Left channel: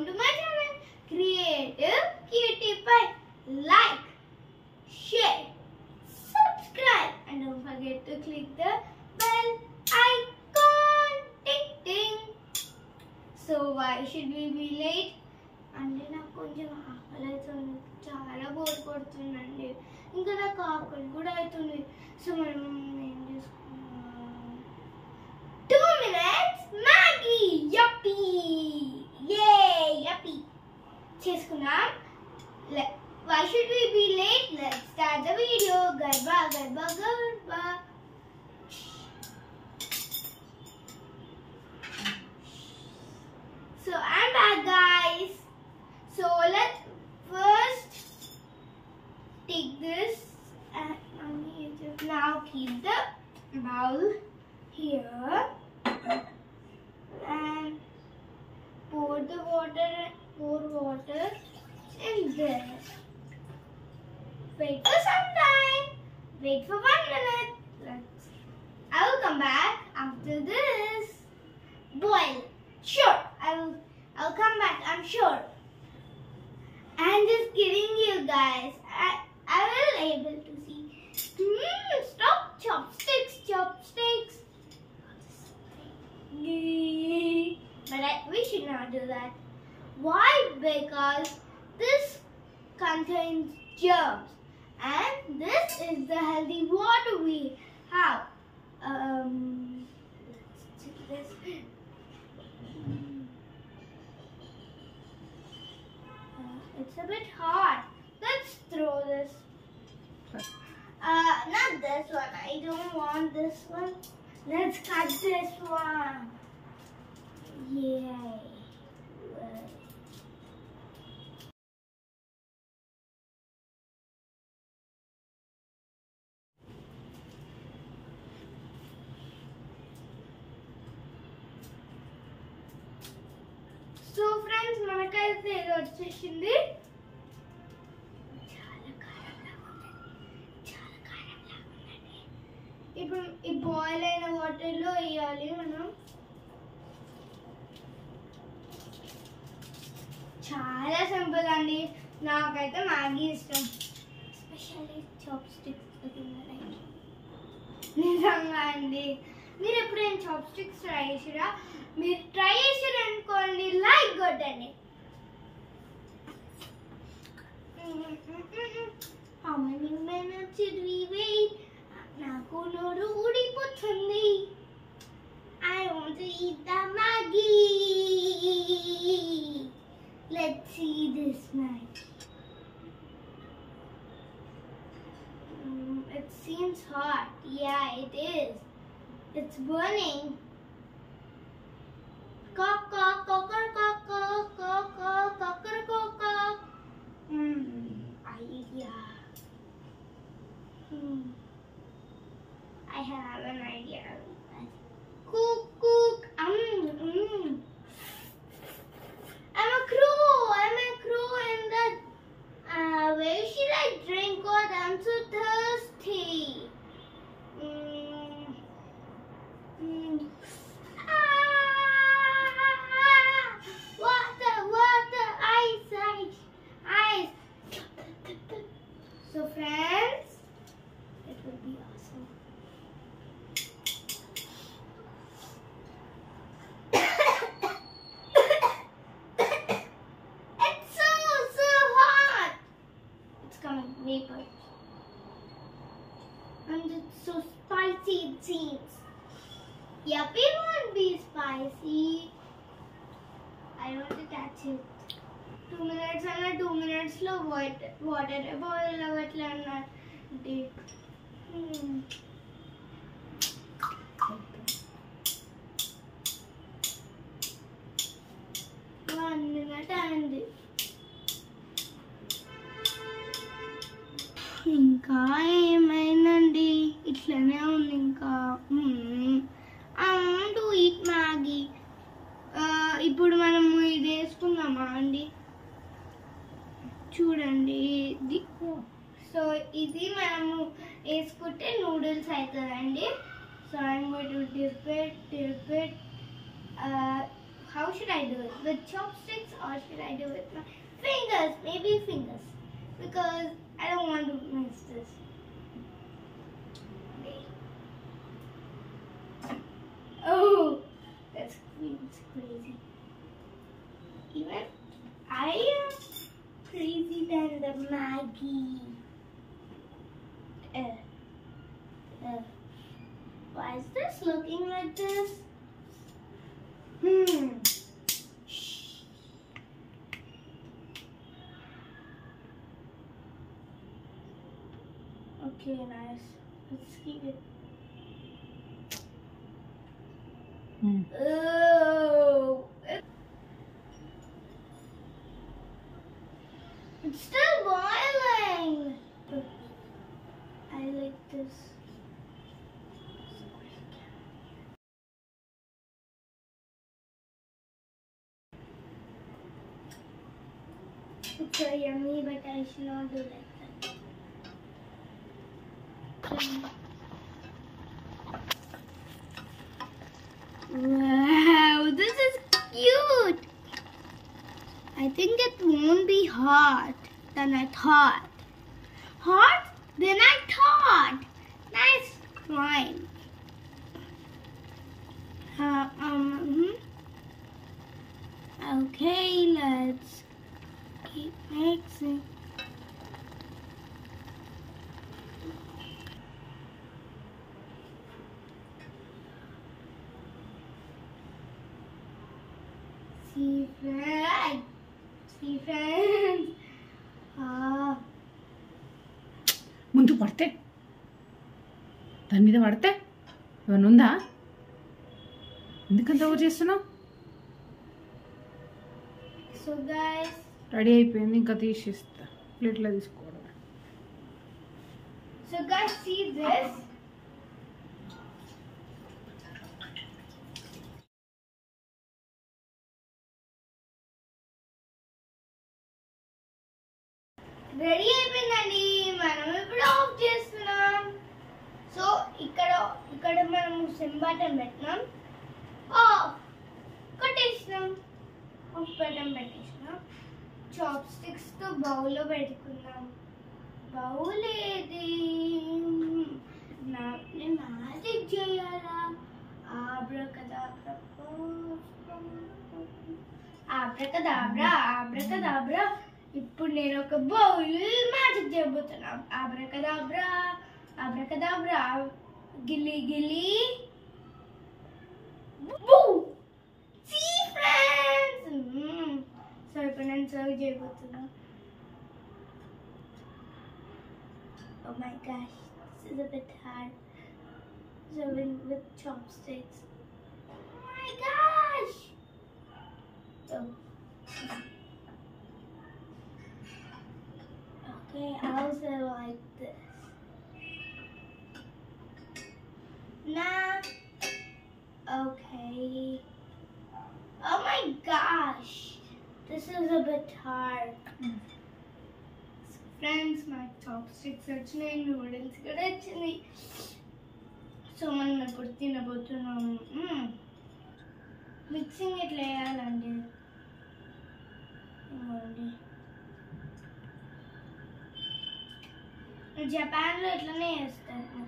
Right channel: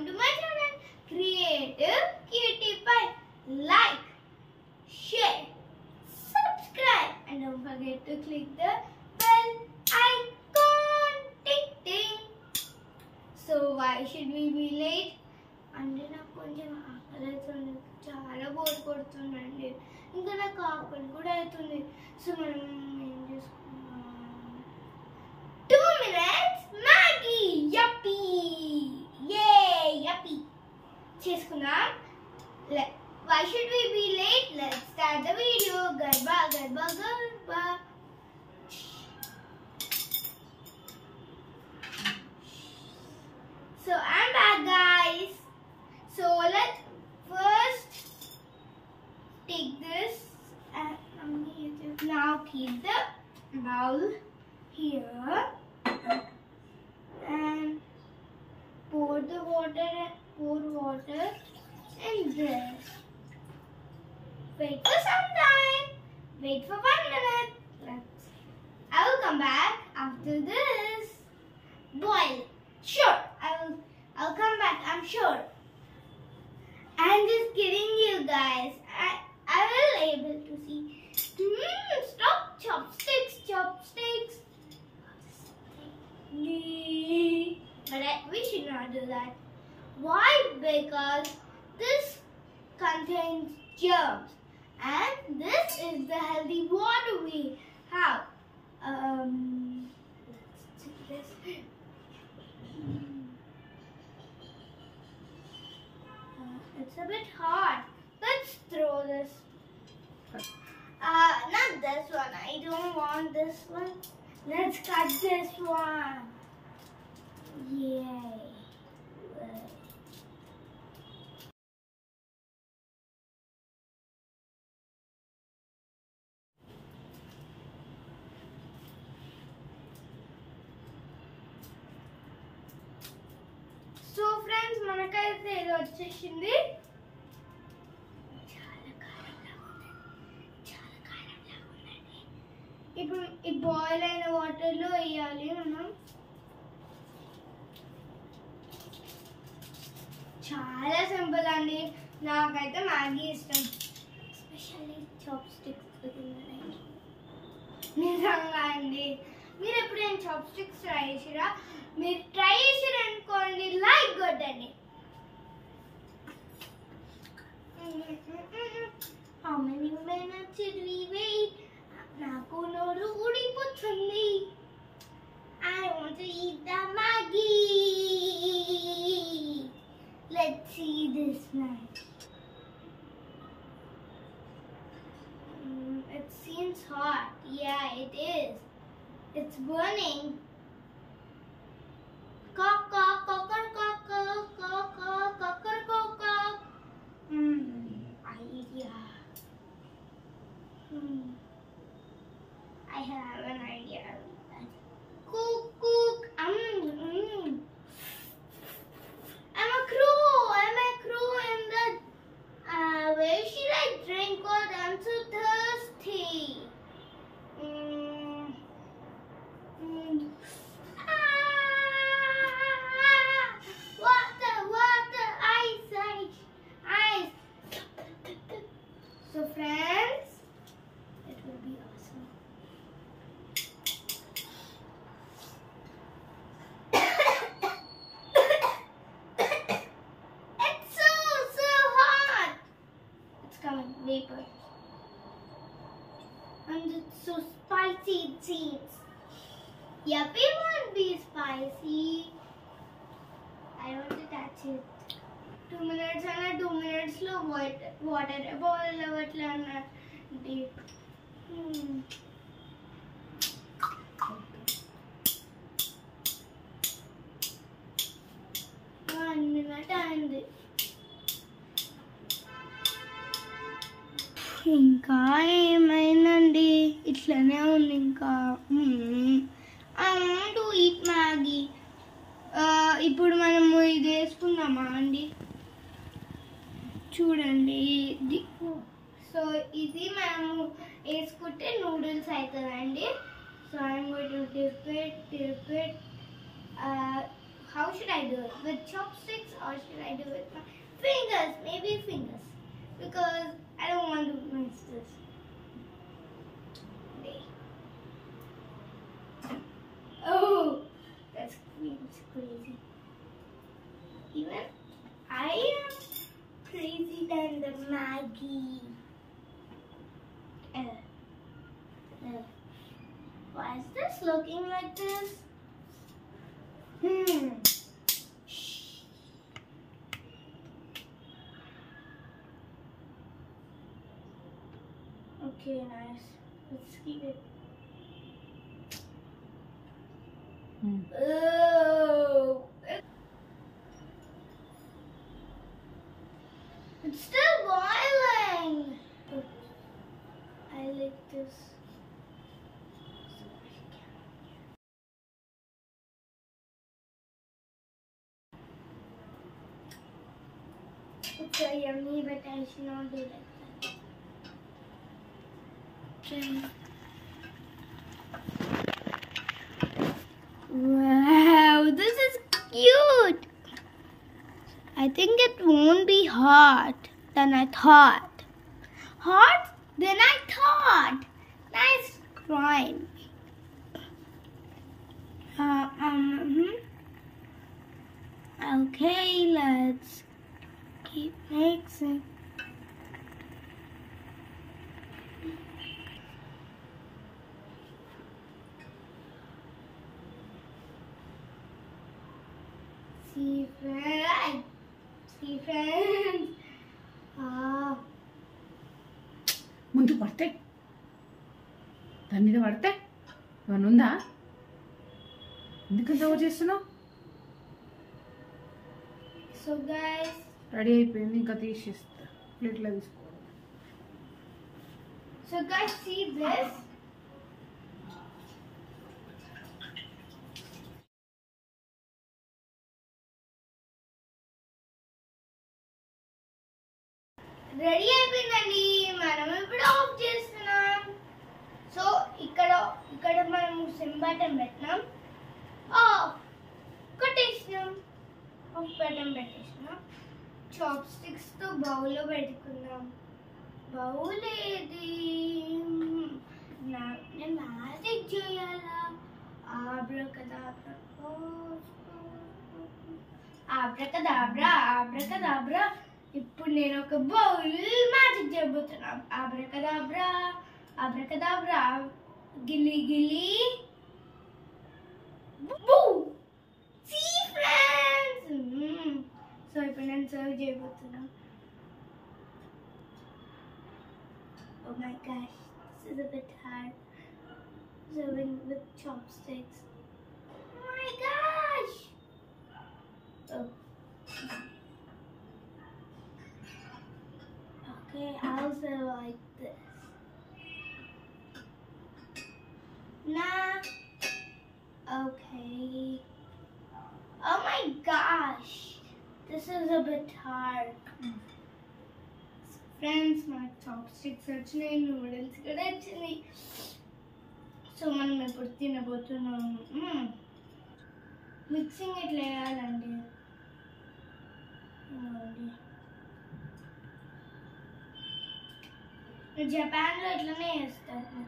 welcome to my channel Creative Cutie Pie. Like, share, subscribe, and don't forget to click the bell icon. Ding ding. So why should we be late? అంటే నాకు కొంచెం ఆకలి అవుతుంది, చాలా బోర్ కొడుతుందండి. ఇంకా నాకు ఆకలి కూడా అవుతుంది. సో మనం ఏం చేసుకున్నాం? 2 minutes మ్యాగీ యప్పీ యప్పీ చేసుకుందాం. Why should we be late? Let's start the video. Garba garba garba. So I'm back, guys. So let's first take this and now keep the bowl here and pour water in this. Wait for some time. Wait for 1 minute. I will come back after this. Boil. Sure. I'll come back. I'm sure. I'm just kidding you guys. I will able to see. Stop chopsticks. But we should not do that. Why? Because this contains germs, and this is the healthy water we have. Let's take this. It's a bit hard. Let's throw this. Not this one. I don't want this one. Let's cut this one. Yay. So friends, మనకైతే ఇది వచ్చేసింది. ఇప్పుడు ఈ బాయిల్ అయిన వాటర్ లో వేయాలి మనం. చాలా సింపుల్ అండి. నాకైతే మ్యాగీ ఇష్టం, ఎస్పెషల్లీ చాప్ స్టిక్స్. నిజంగా అండి, మీరు ఎప్పుడైనా చాప్ స్టిక్స్ ట్రై చేసిరా? మీరు ట్రై చేసారు అనుకోండి, లైక్ కొట్టండి. How many minutes should we wait? నాకు నోరు ఊడిపోతుంది. I want to eat the Maggi. Let's see this Maggi. It seems hot. Yeah, it is. It's burning. Idea. I have an idea. Cook. I'm a crow in the where should I drink water? I'm so thirsty. Water, ice. So friends, it will be awesome. It's so hot. It's coming, vapor. And it's so spicy, it seems. Yep, it won't be spicy. I don't want to touch it. 2 minutes and 2 minutes లో water boil అవ్వట్లే అన్నది. 1 minute అయింది. ఇంకా ఏమైందండి, ఇట్లనే ఉంది. ఇంకా I want to eat Maggi. ఇప్పుడు మనము ఇది వేసుకుందామా అండి? చూడండి, సో ఇది మనము వేసుకుంటే నూడిల్స్ అవుతుందండి. So I'm going to dip it how should I do it? With chopsticks or should I do it with my fingers? Maybe fingers. Because I don't want to mess this. Okay. Oh, that's crazy. Even I am crazy than the Maggie. Why is this looking like this? Okay, nice. Let's keep it. Oh, it's still boiling. I like this. It's so yummy, but I should not do like that. Wow, this is cute. I think it won't be hot than I thought. Hot than I thought. Nice crime. Okay, let's keep mixing. See friends. ముందు పడితే దాని మీద పడితే ఏమన్నా ఉందా? ఎందుకంత ఓవర్ చేస్తున్నావు? So guys, ready అయిపోయింది, ఇంకా తీసేస్తా ప్లేట్లో తీసుకోవడం. So guys, see this. Ready అయిపోయిందండి. మనం ఇప్పుడు ఆఫ్ చేస్తున్నాం. సో ఇక్కడ మనం సిమ్ బటన్ పెట్టినాం, ఆఫ్ కొట్టేసినాం, ఆఫ్ బటన్ పెట్టేసినాం. చాప్ స్టిక్స్ తో బౌల్లో పెట్టుకుందాం. బౌల్ ఏది? నేను మ్యాజిక్ చేయాలా? ఆబ్రకదాబ్రా, ఆబ్రకదాబ్రా, ఆబ్రకదాబ్రా. ఇప్పుడు నేను ఒక బౌల్ మ్యాజిక్ చేయబోతున్నా. ఆబ్రకదాబ్రా, ఆబ్రకదాబ్రా, గిల్లి గిల్లి. See friends. సో ఇప్పుడు నేను సర్వ్ చేయబోతున్నా. Oh my gosh, this is a bit hard. Serving with chopsticks. Oh my gosh. Oh. Okay, I'll serve like this. Nah. Okay. Oh my gosh. This is a bit hard. Friends, my chopsticks వచ్చినాయి, నూడిల్స్ కూడా వచ్చినాయి. సో మనం ఇప్పుడు తినబోతున్నాము. మిక్సింగ్ ఎట్లా వేయాలండి? జపాన్లో ఇట్లనే వేస్తారు.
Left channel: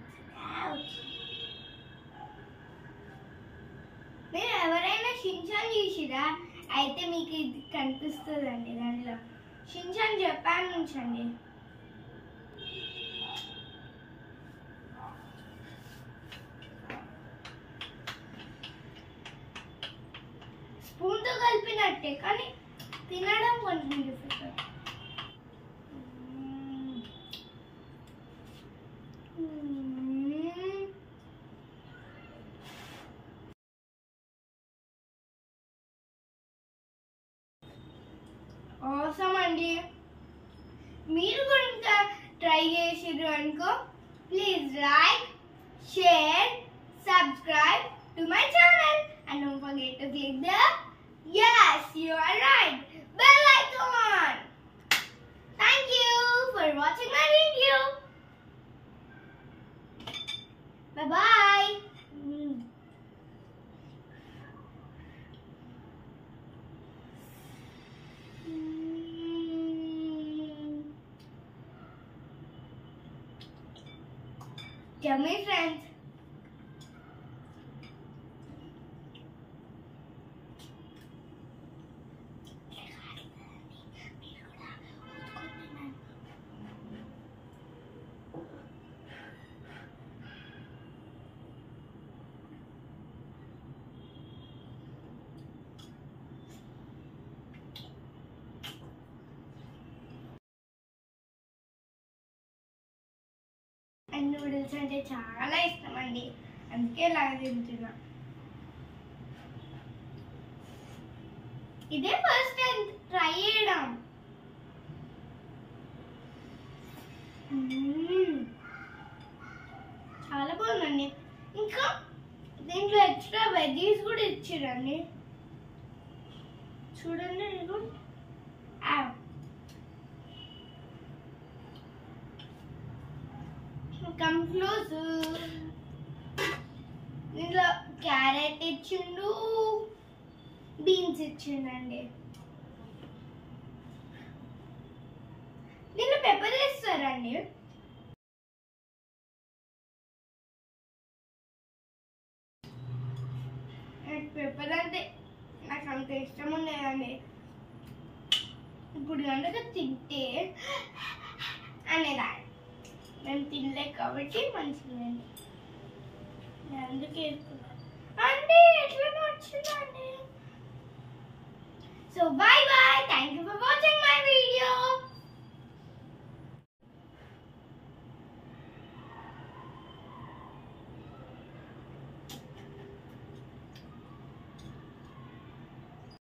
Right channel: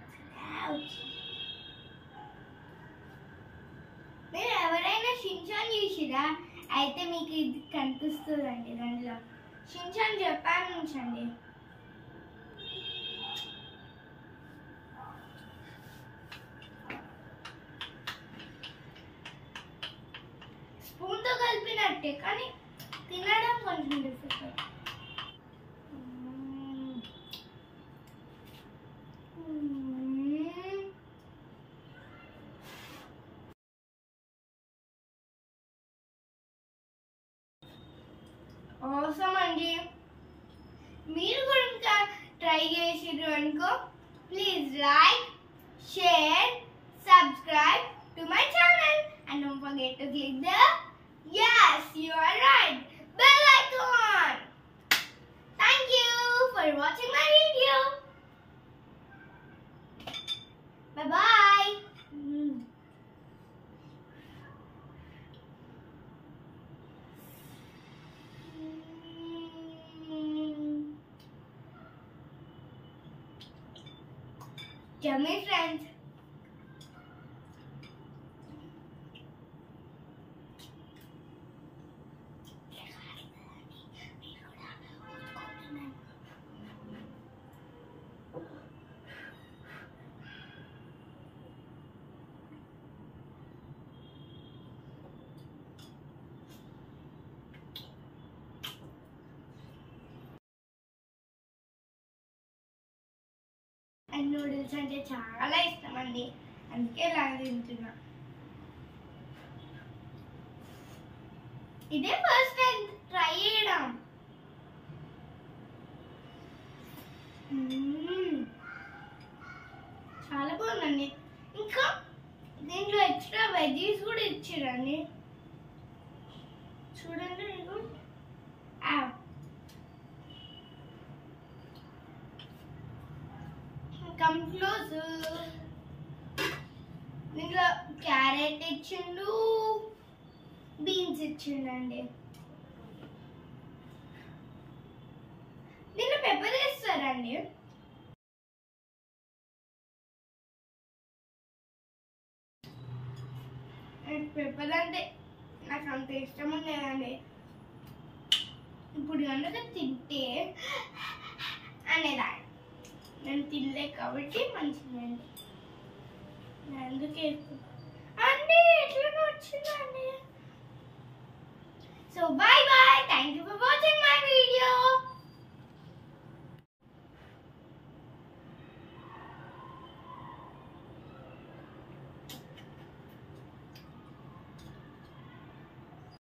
మీరు ఎవరైనా షిన్చాన్ చూసిరా? అయితే మీకు ఇది కనిపిస్తుందండి దానిలో. షిన్చాన్ జపాన్ నుంచి అండి. స్పూన్తో కలిపినట్టే, కానీ తినడం కొంచెం డిఫికల్ట్. అవసరం అండి. మీరు కూడా ఇంకా ట్రై చేసిర్రు అనుకో, please like, share, subscribe to my channel and don't forget to click the yes you are right bell icon. Thank you for watching my video. Bye bye. Yummy friends. And noodles అంటే చాలా ఇష్టం అండి, అందుకే ఇలాగ తింటున్నా. ఇదే first time try చేయడం. చాలా బాగుందండి. ఇంకా దీంట్లో ఎక్స్ట్రా వెజ్జీస్ కూడా ఇచ్చారండి, చూడండి. ఇదిగో కమ్ క్లోజ్. దీంట్లో క్యారెట్ ఇచ్చిండు, బీన్స్ ఇచ్చిండండి. దీంట్లో పెప్పర్ వేస్తారండి. పెప్పర్ అంటే నాకు అంత ఇష్టం ఉండేదండి, ఇప్పుడు కనుక తింటే అనేదా. నేను తినలేదు కాబట్టి మంచిదండి, నేను అందుకే వేసుకున్నాను అండి. ఎట్లా వచ్చిందండి. So bye bye, thank you for watching.